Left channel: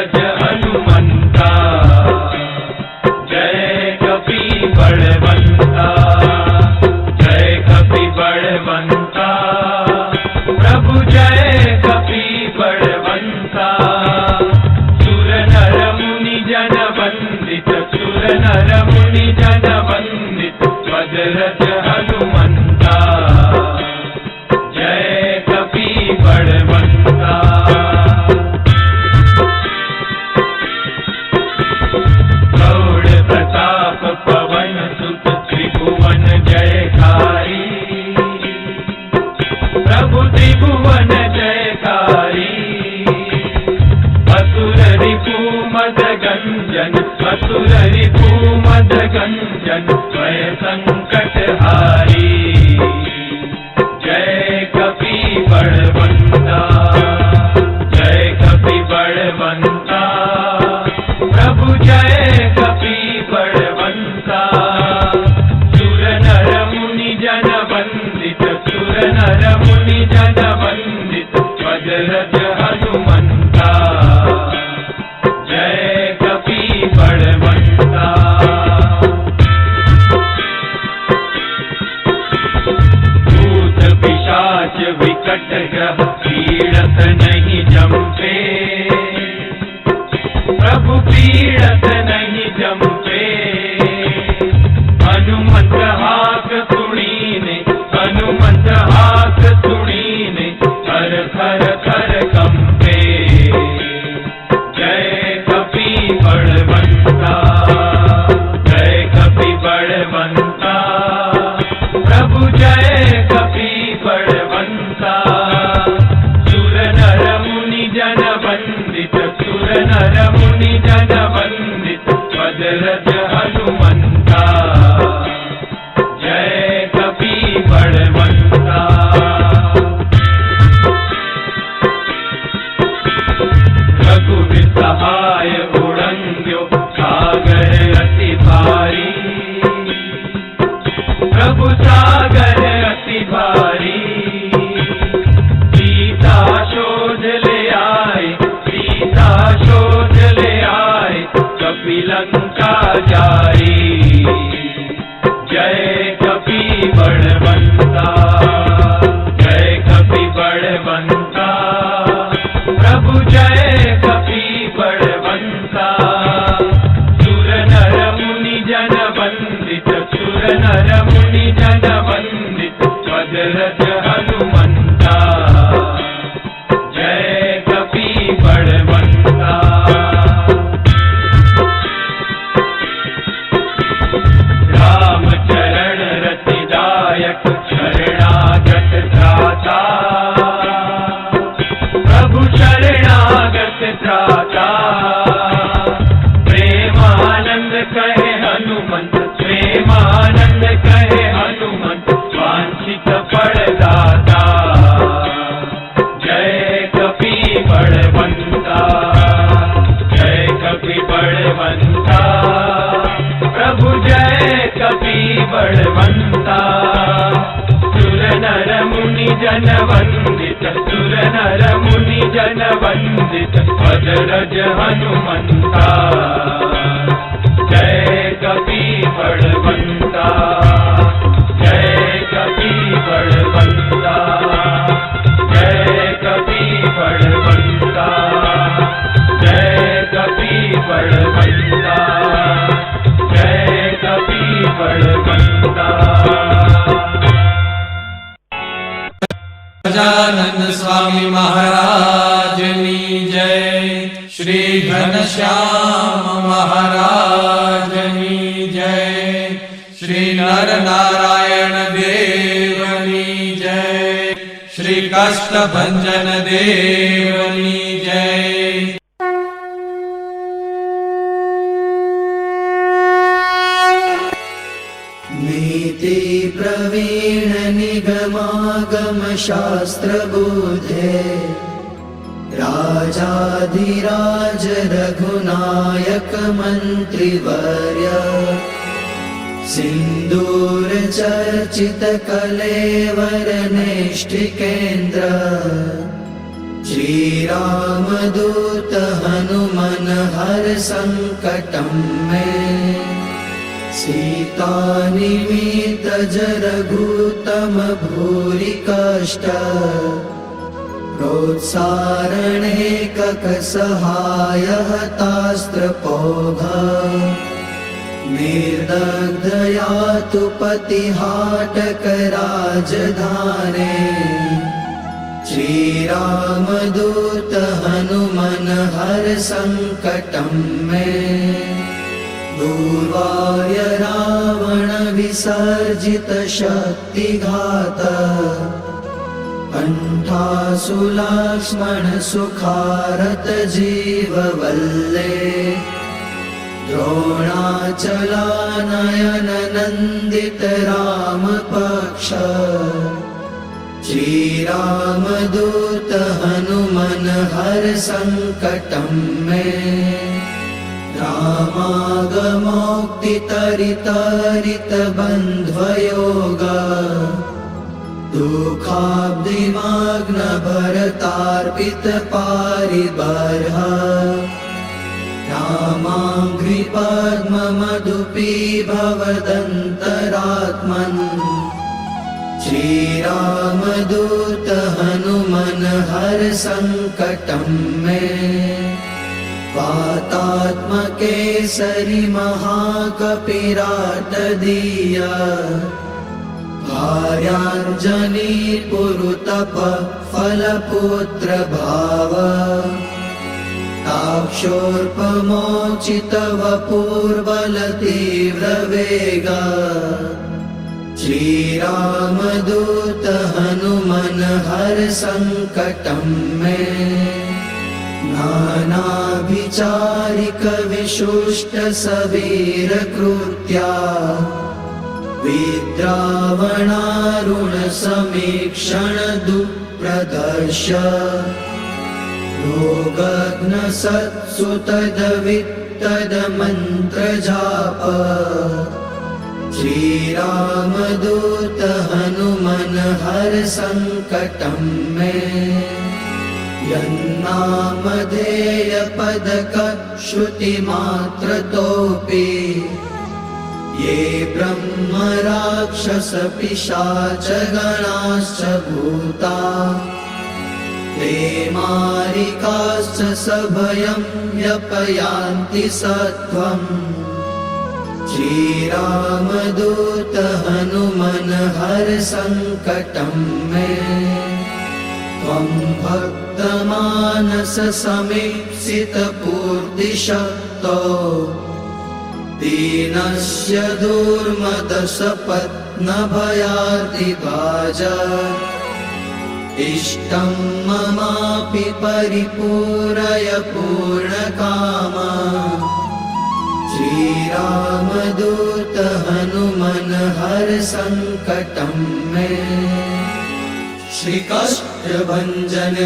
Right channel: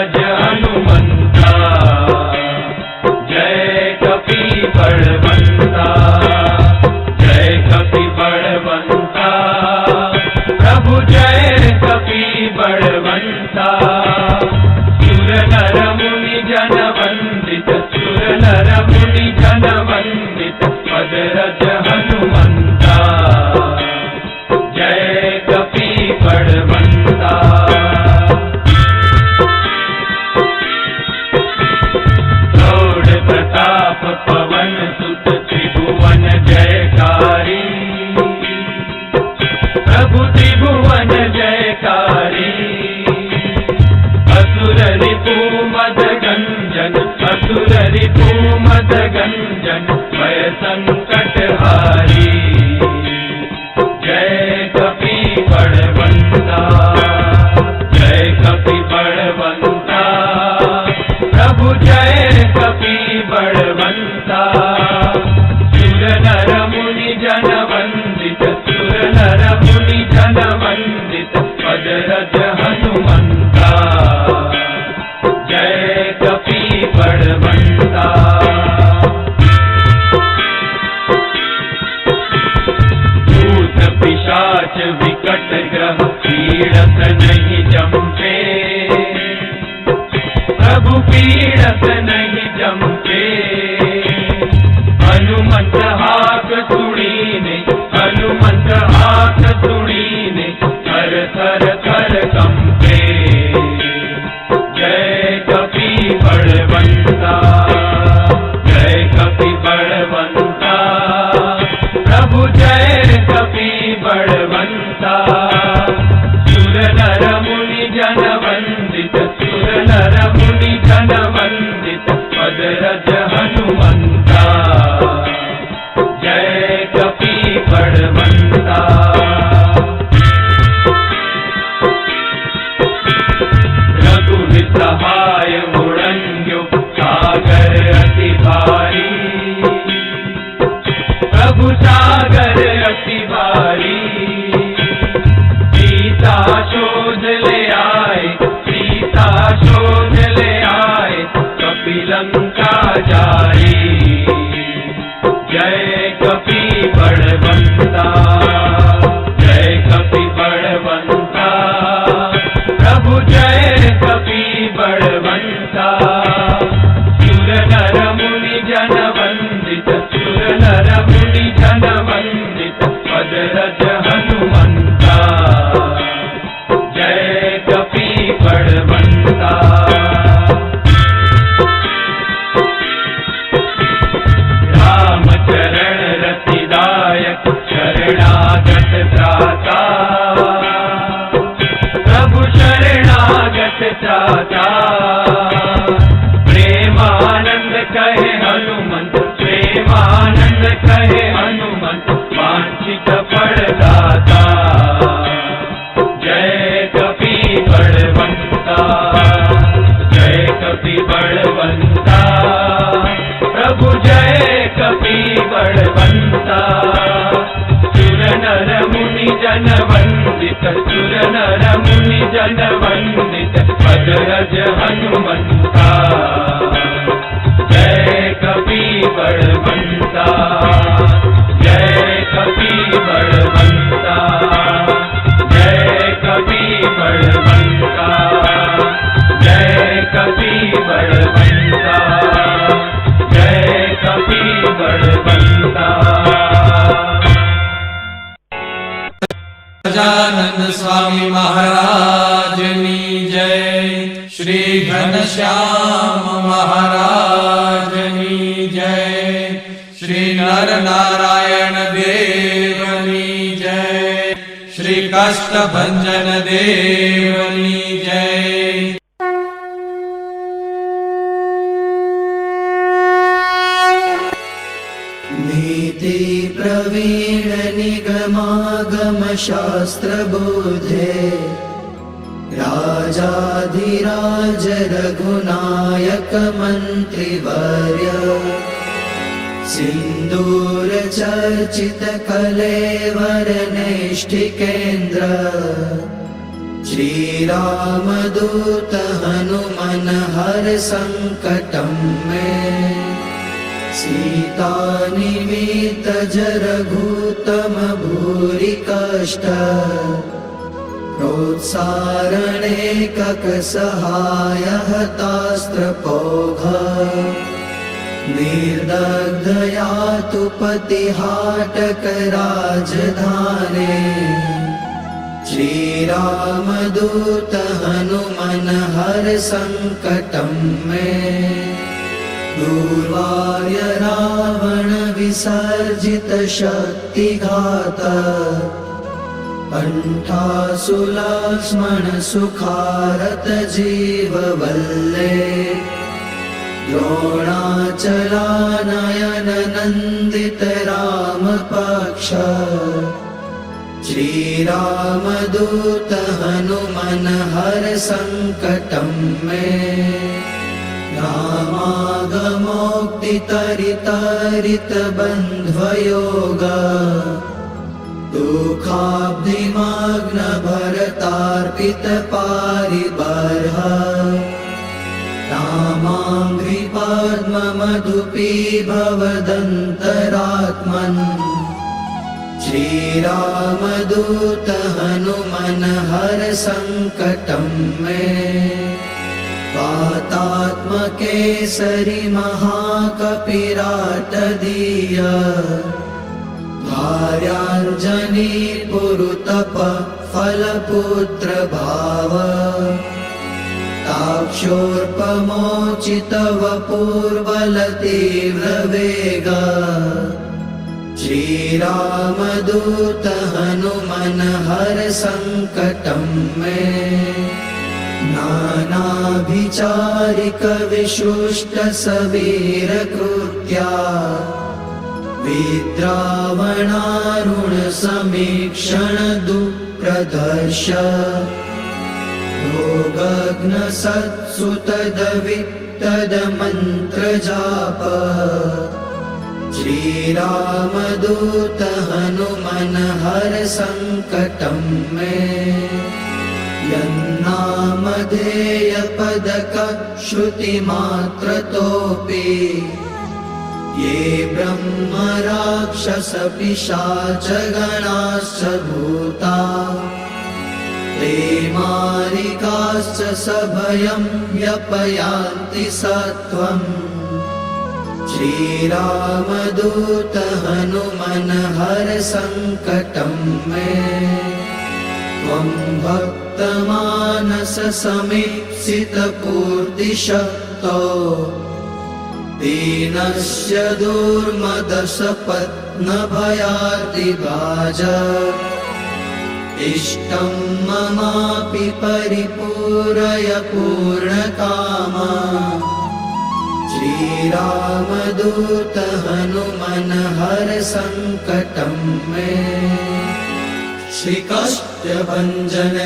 रज हनुमंता, जय कपि बलवंता, जय कपि बलवंता, प्रभु जय कपि बलवंता। सुर नर मुनि जन वंदित, सुर नर मुनि जन वंदित, पद रज हनुमंता, जय कपि बलवंता। गौड़ प्रताप पवन सुत, त्रिभुवन जयकारी, प्रभु त्रिभुवन जयकारी। असुर रिपु मद गंजन, असुर रिपु मद गंजन, भय संकट हारी, जय कपि बलवंता, जय कपि बलवंता, प्रभु जय कपि बलवंता। सुर नर मुनि जन वंदित, सुर नर मुनि जन वंदित, पद रज हनुमंता, जय कपि बलवंता। भूत पिशाच विकट ग्रह पीड़त नहीं जमते, प्रभु पीड़त नहीं जमते। हनुमंत हाथ सुनीने, हनुमंत हाथ सुनीने, थर थर थर कंपे, जय कपि बलवंता, जय कपि बलवंता, प्रभु जय कपि बलवंता। सुर नर मुनि जन वंदित, सुर नर मुनि जन वंदित, पद रज हनुमंता, जय कपि बलवंता। रघुवीर सहाय उड़ंग्यो, सागर अति भारी, प्रभु सागर अति भारी। सीता शोध ले आए, सीता शोध ले आए, कपि लंका जाई, जय कपि बलवंता, जय कपि बलवंता, प्रभु जय कपि बलवंता। सुर नर मुनि जन वंदित, सुर नर मुनि जन वंदित, पद रज हनुमंता, जय कपि बलवंता। राम चरण रतिदायक, शरणागत त्राता, प्रभु शरणागत त्राता। प्रेमानंद कहे हनुमंत, प्रेमानंद कहे हनुमंत, वांछित फलदाता, जय कपि बलवंता, जय कपि बलवंता, प्रभु जय कपि बलवंता। सुर नर मुनि जन वंदित, सुर नर मुनि जन वंदित, पद रज हनुमंता, जय कपि बलवंता, जय कपि बलवंता, जय कपि बलवंता, जय कपि बलवंता, जय कपि बलवंता। गजानन स्वामी महाराजनी जय, श्री घनश्याम महाराजनी जय, श्री नर नारायण देवनी जय, श्री कष्टभंजन देवनी जय। नीति प्रवीण निगमागम शास्त्र बोधे, राजाधिराज रघुनायक मंत्रिवर्य, सिंदूर चर्चित कलेवर नेष्ठिकेन्द्र, श्री रामदूत हनुमंत सङ्कटं मे सीतानिमित्त जरघूतम भूरि कष्ट प्रोत्सारणे ककसहाय हतास्त्रपौघ निर्दग्धया तु पतिहाटक राजधाने श्रीरामदूत हनुमन हर संकटं मे दुर्वार्य रावण विसर्जित शक्तिघात कंठासु लक्ष्मण सुखारत जीववल्ले द्रोणाचलानयन नन्दित रामपक्ष श्रीरामदूत हनुमन हर संकटं मे रामागमोक्तितरितरित बन्ध्वयोग दुःखाब्धिमग्न भरतार्पित पारिबर्ह रामाङ्घ्रिपद्ममधुपी भवदन्तरात्मन् श्रीरामदूत हनुमन हर संकटं मे वातात्मकेसरि महाकपिराटदीय भार्याञ्जनी पुरुतप फलपुत्र भाव ताक्षोर्पमोचित वपुर्बल तीव्र वेग श्रीरामदूत हनुमन हर संकटं मे नानाभिचारिक विशुष्ट सवीर कृत्या विद्रावणारुण समीक्षण दुःप्रदर्श भोगग्न सत्सुतदवित्तद मन्त्र जाप श्रीरामदूत हनुमन हर संकटं मे यन्नामधेय पदक श्रुतिमात्रतोऽपि ये ब्रह्म राक्षस पिशाच गणाश्च भूता ते मारिकाश्च सभयं व्यपयान्ति सत्वम् श्रीरामदूत हनुमन हर संकटं मे त्वं भक्तमानस समीप्सित पूर्तिशक्तो दीनस्य दुर्मदसपत्न भयातिभाज इष्टं ममापि परिपूरय पूर्णकामा श्रीरामदूत हनुमन हर संकटं मे श्रीकाष्ठभञ्जन